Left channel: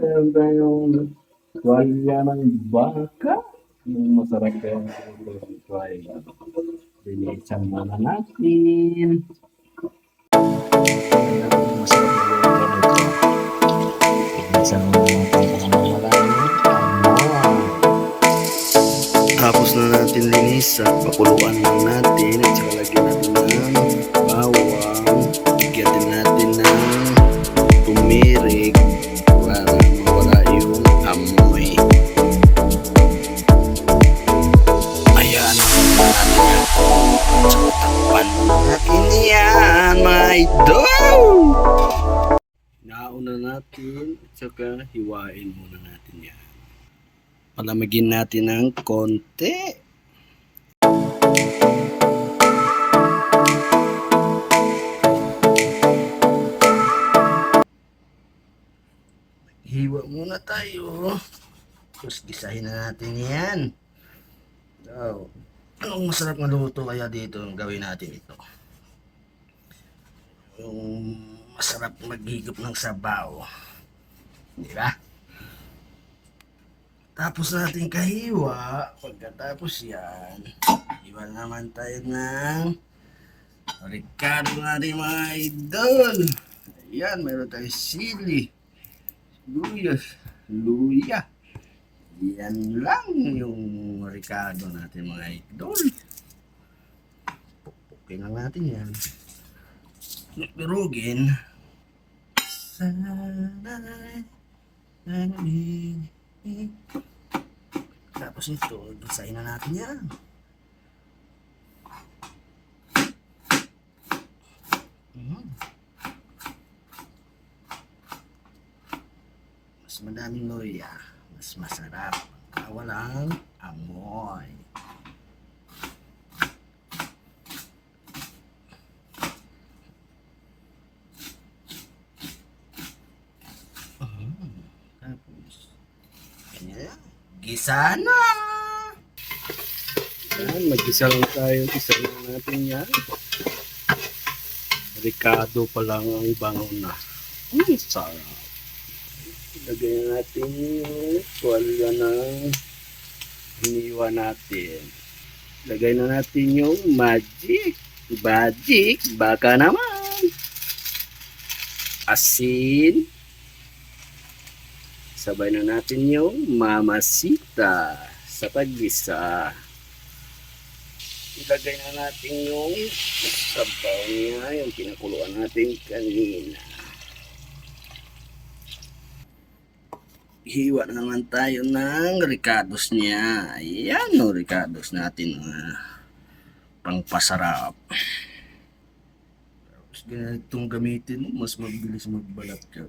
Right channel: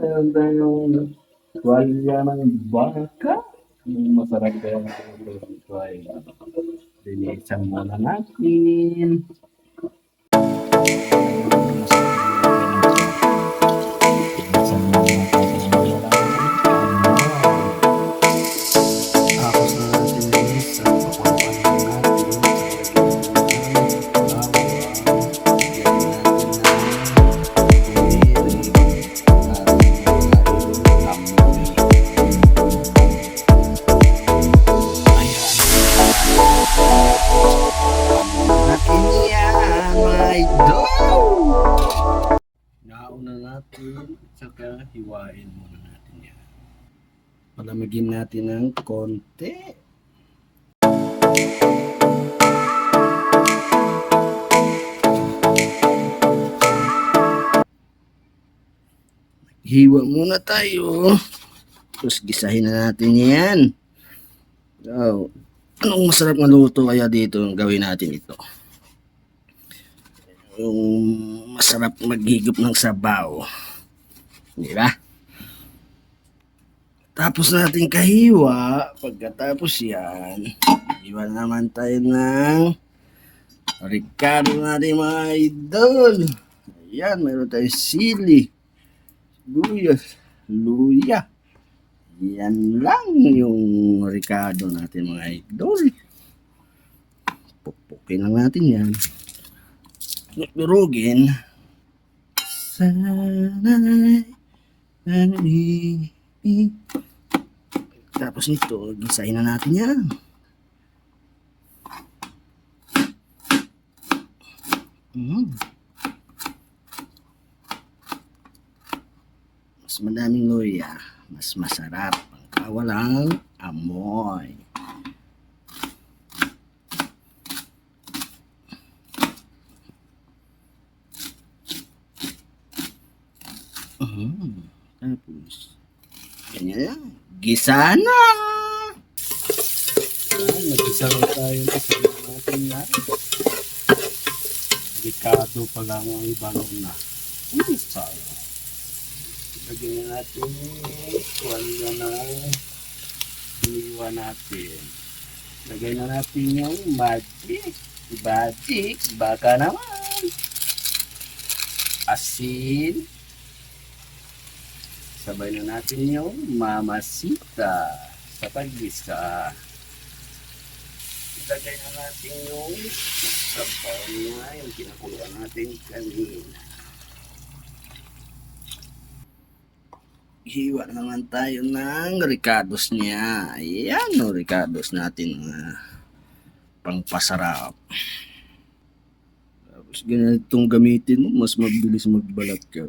Meron tayong tuwalya ng baka. Yung masarap kaya ito ay linisan muna natin. Linisan muna natin kung ano wala ng tapos na natin linisan, pakuluan lang natin at saka lagyan natin ng bawang, lagyan din natin ng tumirik para mawala yung amoy. Ayan, takpan natin yan, my dog! Nauna natin at saka hiwain muna natin yan. Palamigin natin ng konti. Hiwa muna tayo. Tapos gisahin na natin yan. So, anong masarap na luto kaya dito? Gawin natin ito. Yung masarap maghigop ng sabaw. Di ba? Tapos natin kahiwa. Pagkatapos yan, hiwa naman tayo ng Ricardo natin mga idol. Ayan, meron tayong sili, luya. Yan lang yung Ricardo natin mga idol. Pupukin lang natin yan. Durugin. Tapos nito, gisahin na natin yan. Mas madaming luya, mas masarap. Walang amoy. Tapos, ganyan. Gisa na! Yan, mag-gisa lang tayo. Gisa natin yan. Ricardo pa lang ang bango na. Sarap. Lagyan natin yung tuwalya ng iniwa natin. Lagay na natin yung magic. Baka naman. Asin. Sabay na natin yung mamasita sa paggisa. Ilagay na natin yung sabaw niya, yung kinakuluan natin kanina. Hiwa na naman tayo ng Ricardos niya. Ayan o, Ricardos natin. Pangpasarap. Tapos ganitong gamitin mo, mas mabilis magbalat ka.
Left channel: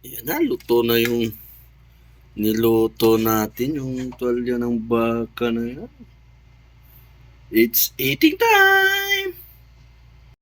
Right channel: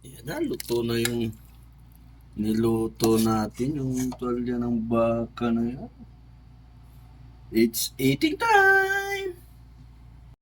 Yan na, luto na yung niluto natin, yung tuwalya ng baka na yan. It's eating time!